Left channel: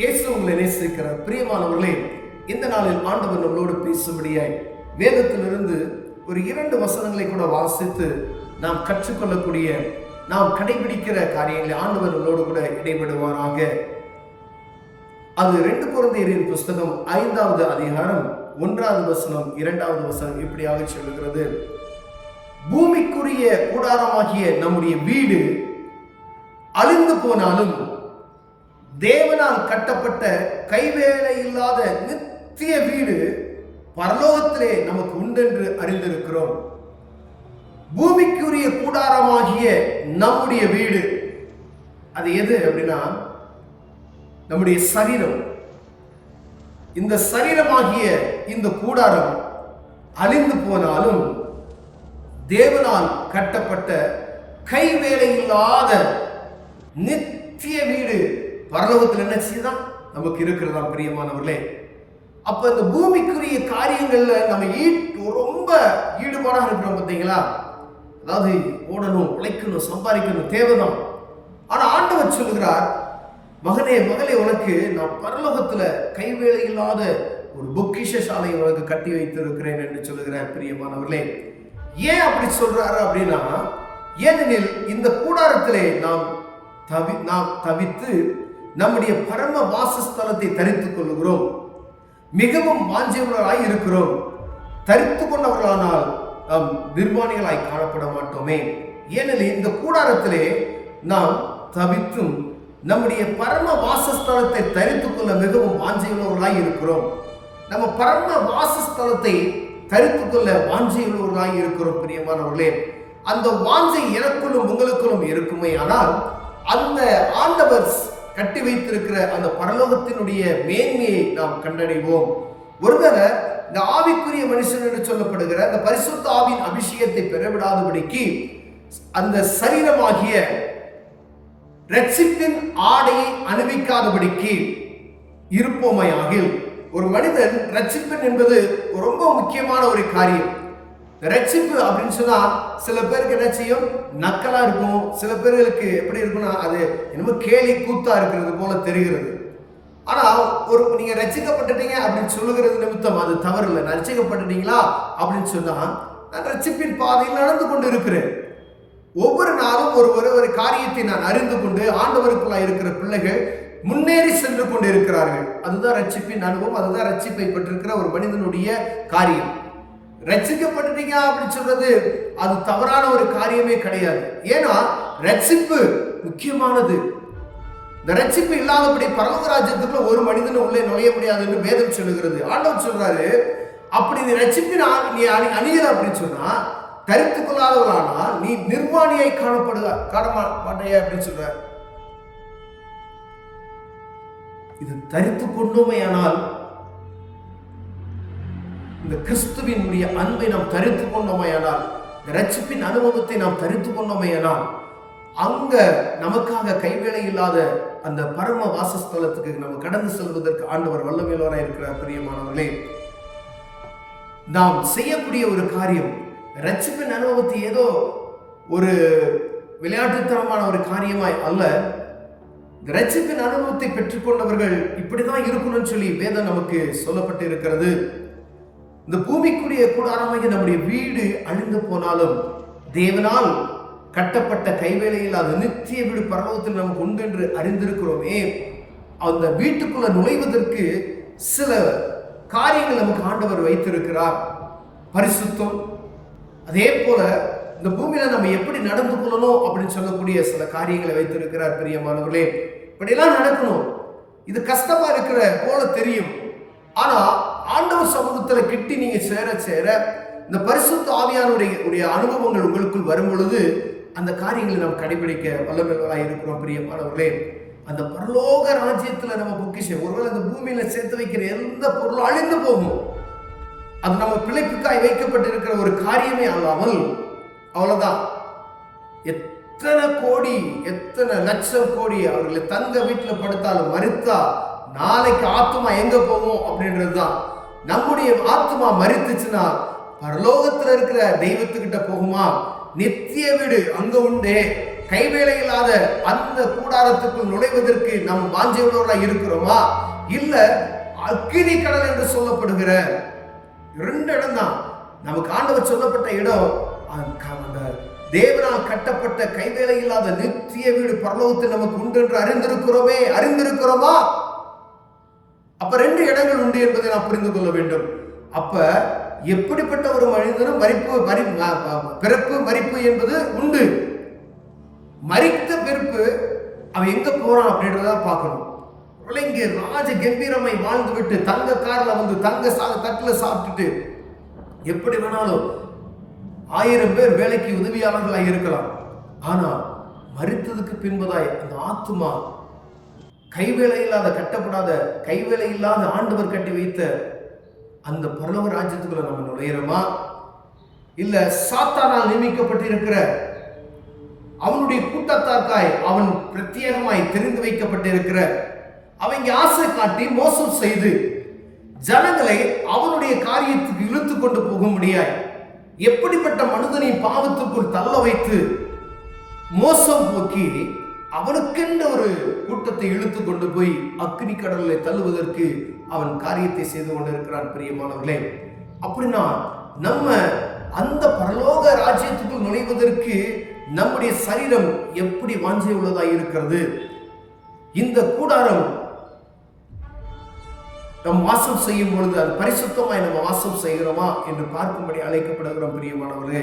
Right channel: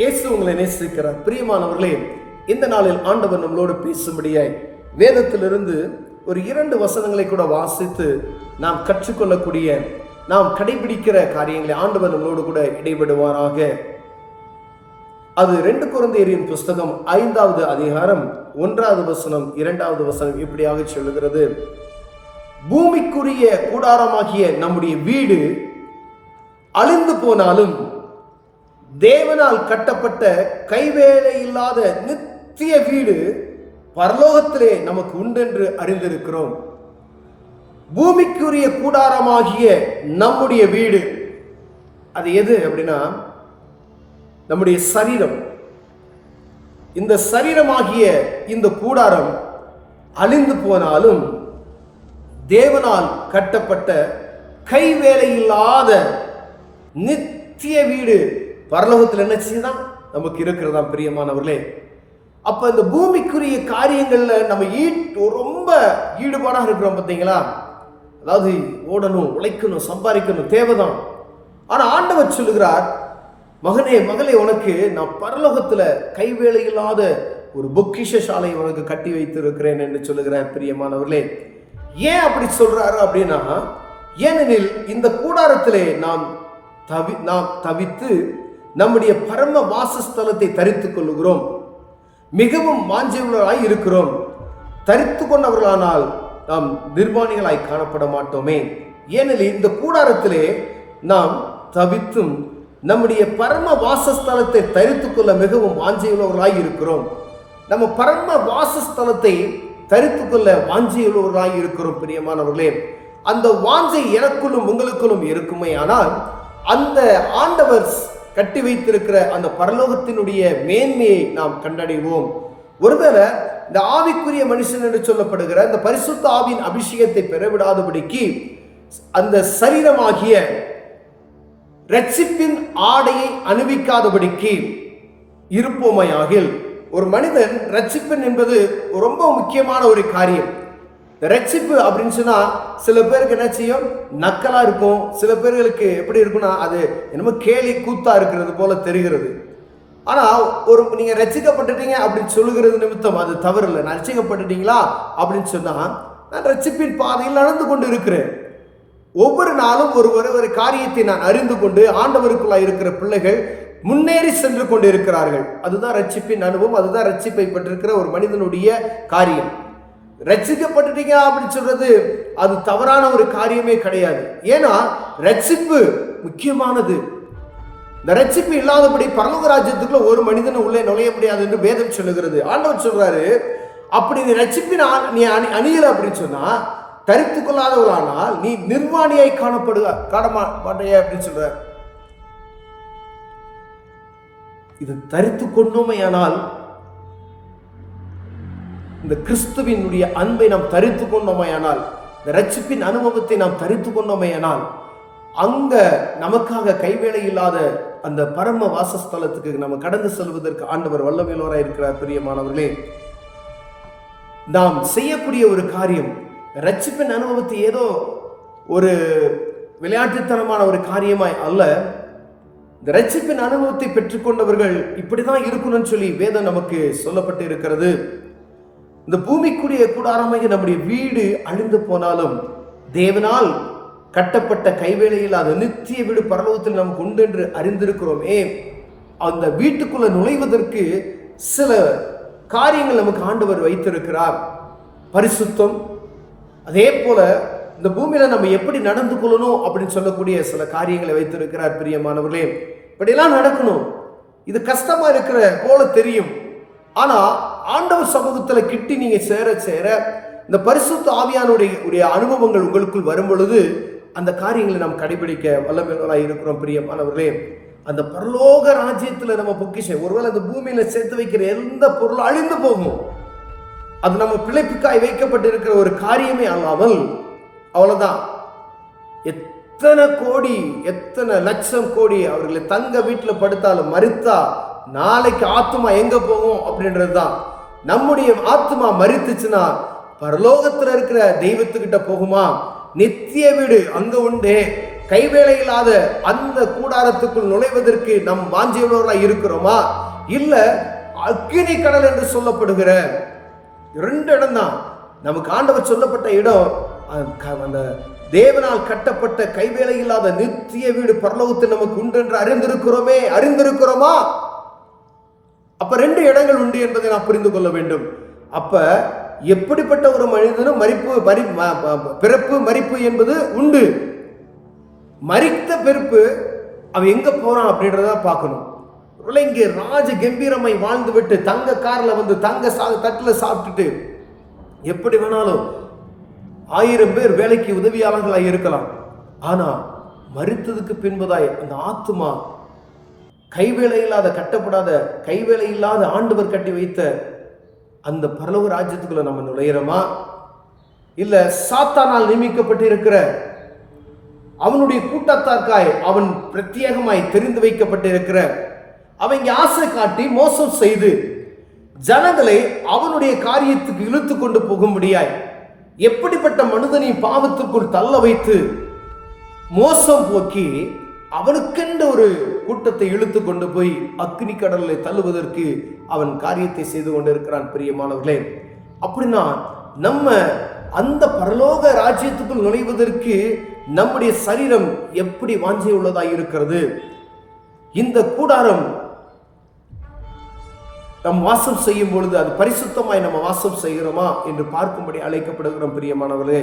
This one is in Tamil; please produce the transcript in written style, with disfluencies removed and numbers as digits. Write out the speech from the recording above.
இயேசு உங்களை நேசிக்கிறார். பிரியமானவர்களே, இந்த நாளில் ஆண்டவர் நம்மளோடு பேசும்படியாய் வேதத்திலிருந்து ஒரு 2 வசனங்களை கூட வாசித்து நாம் கற்றுக்கொள்ளக்கூடிய, நாம் கடைபிடிக்கிற காரியங்களை ஆண்டவர் நம்மளோடு கூட இடைபடுவாராக. அது 2 கொரிந்தியரின் புஸ்தகம் 5வது அதிகாரம் 1வது வசனம் 2வது வசனம் இப்படியாக சொல்லுகிறது: பூமிக்குரிய கூடாரமாகிய நம்முடைய வீடு அழிந்து போனாலும் தேவனால் கட்டப்பட்ட கைவேலை இல்லாத நித்திய வீடு பரலோகத்திலே நமக்கு உண்டென்று அறிந்திருக்கிறோம். பூமிக்குரிய கூடாரமாகிய நம்முடைய வீடு அது எது அப்படின்னா நம்முடைய சரீரம். இந்த சரீரமாகிய இந்த கூடாரம் அழிந்து போனாலும் தேவனால் கட்டப்பட்ட கைவேலை இல்லாத நித்திய வீடு பரலோகத்தில் என்ன செய்தான் நமக்கு இருக்கிறதா. பிரியமானவர்களே, அப்ப இந்த பூமிக்குரிய காரியங்கள்ல நம்ம ரொம்ப ஈடுபாடாக இருக்கிறோம் பார்த்தீங்களா. அதாவது ஓடணும், உழைக்கணும், சம்பாதிக்கணும், தேவைதான். ஆனா ஆண்டவர் சொல்லுகிறார், மகனே மகளே, உனக்கு நான் பரலோகத்துல கைவேலை இல்லாத ஒரு பொக்கிஷ சாலை உனக்கு கட்டி வைத்திருக்கிறேன் என்று சொல்லுகிறார். பிரியமானவர்களே, ஏன் அப்படி சொல்றாரு அப்படின்னா, ஏனெனில் இந்த கூடாரத்திலே நாம் தவித்து நம்முடைய பரம வாசஸ்தலத்தை தரித்துக் கொள்ளுகிறோம். மிகவும் வாஞ்சியுள்ளவராய் இருக்கிறோம். தரித்து கொண்டவர்களானால் நாம் நிர்வாணிகளாய் காணப்பட மாட்டோமே. ஏனெனில் இந்த கூடாரத்திலே நாம் தவித்தும் நம்முடைய பரம வாசஸ்தலத்தை தரித்துக் கொள்ள மிகவும் வாஞ்சியுள்ளவர்களாய் இருக்கிறோம். நம்ம பரம வாசஸ்தலத்தை தரித்துக் கொள்ள வாஞ்சியுள்ளவர்களாய் இருக்கிறோம். பிரியமானவர்களே, அந்த வாஞ்சை எனக்குள்ளும் உங்களுக்குள்ளும் இருக்குமே ஆனால் அந்த ஆண்டவர் கட்டி வைத்திருக்கிற அந்த பரலோகத்தினுடைய மேன்மையை நாம் கண்டடைவோம். ஒருவேளை இந்த ஆவிக்குரிய மனுஷன் என்று சொல்லப்படுகிற இந்த பரிசுத்த ஆவியின் அபிஷேகத்தை பெறவிடாதபடிக்கு அந்த சரீரமாகிய இரட்சிப்பின் ஆடையை அணிவிக்காதபடிக்கு இருப்போமையாகில், ஒரு மனிதன் ரட்சிப்பன் என்பது ரொம்ப முக்கியமான ஒரு காரியம். ரட்சிப்பு அப்படின்னு சொன்னா சில பேருக்கு என்ன செய்யும், நக்கலா இருக்கும். சில பேர்களுக்கு எப்படி இருக்குன்னா அது என்னமோ கேலி கூத்தா இருக்கிறது போல தெரிகிறது. ஆனா நீங்க ரட்சிக்கப்பட்டுட்டீங்க அப்படின்னு சொல்லுகிறது நிமித்தம் அது தவறு இல்லை. நான் ரட்சிக்கப்பட்டுட்டீங்களா அப்படின்னு சொன்னா, நான் ரட்சிப்பின் பாதையில் நடந்து கொண்டு இருக்கிறேன். ஒவ்வொரு நாளும் ஒரு காரியத்தை நான் அறிந்து கொண்டு ஆண்டவருக்குள்ளாய் இருக்கிற பிள்ளைகள் முன்னேறி சென்று கொண்டு இருக்கிறார்கள். அதுதான் ரட்சிப்பின் அனுபவம். அதுதான் ரட்சிப்பை பெற்றிருக்கிற ஒரு மனிதனுடைய காரியம். ரட்சிக்கப்பட்டுட்டீங்க அப்படின்னு சொல்றது அது தவறான ஒரு காரியமே கிடையாது. ஏன்னா ரட்சிப்பு முக்கியமானது. இந்த ரட்சிப்பு இல்லாதபடி பரலோக ராஜ்யத்துக்குள்ள ஒரு மனிதன் உள்ளே நுழைய முடியாது என்று வேதம் சொல்லுகிறது. ஆண்டவர் சொல்றாரு, அப்படி நீ ரட்சிப்பின் நீ அணியல அப்படின்னு சொன்னா, தரித்து கொள்ளாதவளானால் நீ நிர்வாணியாய் காண மாட்டையா அப்படின்னு சொல்ற. இது தரித்து கொண்டோமையானால், இந்த கிறிஸ்துவினுடைய அன்பை நாம் தரித்து கொண்டோமையானால், இந்த ரட்சிப்பின் அனுபவத்தை நாம் தரித்து கொண்டோமையானால், அங்க நமக்காக கைவேலை இல்லாத அந்த பரம வாசஸ்தலத்துக்கு நம்ம கடந்து செல்வதற்கு ஆண்டவர் வல்லமையுள்ளவராய் இருக்கிறார். பிரியமானவர்களே, நாம் செய்யக்கூடிய ஒரு காரியம் ரட்சிப்பின் அனுபவத்தை ஏதோ ஒரு விளையாட்டுத்தனமான ஒரு காரியமாய் அல்ல. இந்த ரட்சிப்பின் அனுபவத்தை பெற்றுக்கொண்டவர்கள் இப்படிதான் இருக்கணும்னு சொல்லி வேதம் நமக்கு சொல்லப்பட்டு இருக்கிறது. இந்த பூமிக்குரிய கூடாரமாகிய நம்முடைய வீடு அழிந்து போனாலும் தேவனால் கட்டப்பட்ட கைவேலையில் அது நித்திய வீடு பரலோகத்தில் நமக்கு உண்டு என்று அறிந்திருக்கிறோமே. அந்த வீட்டுக்குள்ள நுழைவதற்கு சில காரியங்கள் நமக்கு ஆண்டவர் வைத்திருக்கிறார். பரிசுத்தம், அதே போல இந்த பூமியில நம்ம எப்படி நடந்து கொள்ளணும் அப்படின்னு சொல்லக்கூடிய சில காரியங்களை வைத்திருக்கிறார். பிரியமானவர்களே, இப்படியெல்லாம் நடக்கணும். இது கஷ்டமா இருக்கிற போல தெரியும். ஆனா ஆண்டவர் சமூகத்துல கிட்டி நீங்க சேர சேர இந்த பரிசுத்த ஆவியானுடைய அனுபவங்கள் உங்களுக்குள் வரும் பொழுது அந்த காரியங்களை நாம் கடைபிடிக்க வல்லமையுள்ளவராய் இருக்கிறோம். பிரியமானவர்களே, அந்த பரலோக ராஜ்யத்துல நம்ம பொக்கிஷம், ஒருவேளை அந்த பூமியில சேர்த்து வைக்கிற எந்த பொருளும் அழிந்து போகும். அது நம்ம பிழைப்புக்காய் வைக்கப்பட்டிருக்கிற ஒரு காரியமே அல்லாமல் அவ்வளவுதான். எத்தனை கோடி, எத்தனை லட்சம் கோடி அவர்களை தங்க வீட்டில் படுத்தாலும் மரித்தா நாளைக்கு ஆத்மா எங்க போகும் அப்படின்றது தான். நம்முடைய ஆத்மா மரித்துச்சுன்னா பரலோகத்தில் இருக்கிற தெய்வத்துக்கிட்ட போகுமா? நித்திய வீடு அங்க உண்டே. கைவேலை இல்லாத அந்த கூடாரத்துக்குள் நுழைவதற்கு நம் வாஞ்சையுள்ளவர்களாக இருக்கிறோமா? இல்ல அக்கினி கடல் என்று சொல்லப்படுகிற 2 இடம் தான் நமக்கு ஆண்டவர் சொல்லப்பட்ட இடம். அந்த தேவனால் கட்டப்பட்ட கைவேலை இல்லாத நித்திய வீடு பரலோகத்தில் நமக்கு உண்டு என்று அறிந்திருக்கிறோமா? அப்ப 2 இடங்கள் உண்டு என்பதை நாம் புரிந்து கொள்ள வேண்டும். அப்ப எப்படிப்பட்ட ஒரு மனிதனும் பிறப்பு மரிப்பு என்பது உண்டு. மரித்த பிறப்பு அவன் எங்க போறான் அப்படின்றத பார்க்கணும். இங்கே ராஜ கம்பீரமாய் வாழ்ந்து விட்டு தங்க கார்ல வந்து தங்க தட்டுல சாப்பிட்டுட்டு எப்படி வேணாலும் 1000 பேர் வேலைக்கு உதவியாளர்களாக இருக்கலாம். ஆனா மரித்ததுக்கு பின்பதாய் அந்த ஆத்துமா கைவேலை இல்லாத கட்டப்படாத கைவேலை இல்லாத ஆண்டவர் கட்டி வைத்த அந்த பரலோக ராஜ்யத்துக்குள்ள நம்ம நுழையிறோமா? இல்ல சாத்தானால் நியமிக்கப்பட்டிருக்கிற அவனுடைய கூட்டத்தார்க்காய் அவன் பிரத்யேகமாய் தெரிந்து வைக்கப்பட்டிருக்கிற அவங்க ஆசை காட்டி மோசம் செய்து ஜனங்களை அவனுடைய காரியத்துக்கு இழுத்து கொண்டு போக முடியாய் எப்படிப்பட்ட மனிதனை பாவத்துக்குள் தள்ள வைத்து மோசம் போக்கி அவனுக்கென்ற ஒரு கூட்டத்தை இழுத்து கொண்டு போய் அக்னி கடலை தள்ளுவதற்கு அவன் காரியத்தை செய்து கொண்டிருக்கிறான். பிரியமானவர்களே, அப்படின்னா நம்ம அந்த பரலோக ராஜ்யத்துக்குள் நுழைவதற்கு நம்முடைய சரீரம் எப்படி வாஞ்சை உள்ளதாக இருக்கிறது? இந்த கூடாரம் நம் வாசம் செய்யும் பொழுது அது பரிசுத்தமாய் நம்ம வாசம் செய்கிறோமா என்று பார்க்கும்படி அழைக்கப்படுகிறோம். பிரியமானவர்களே,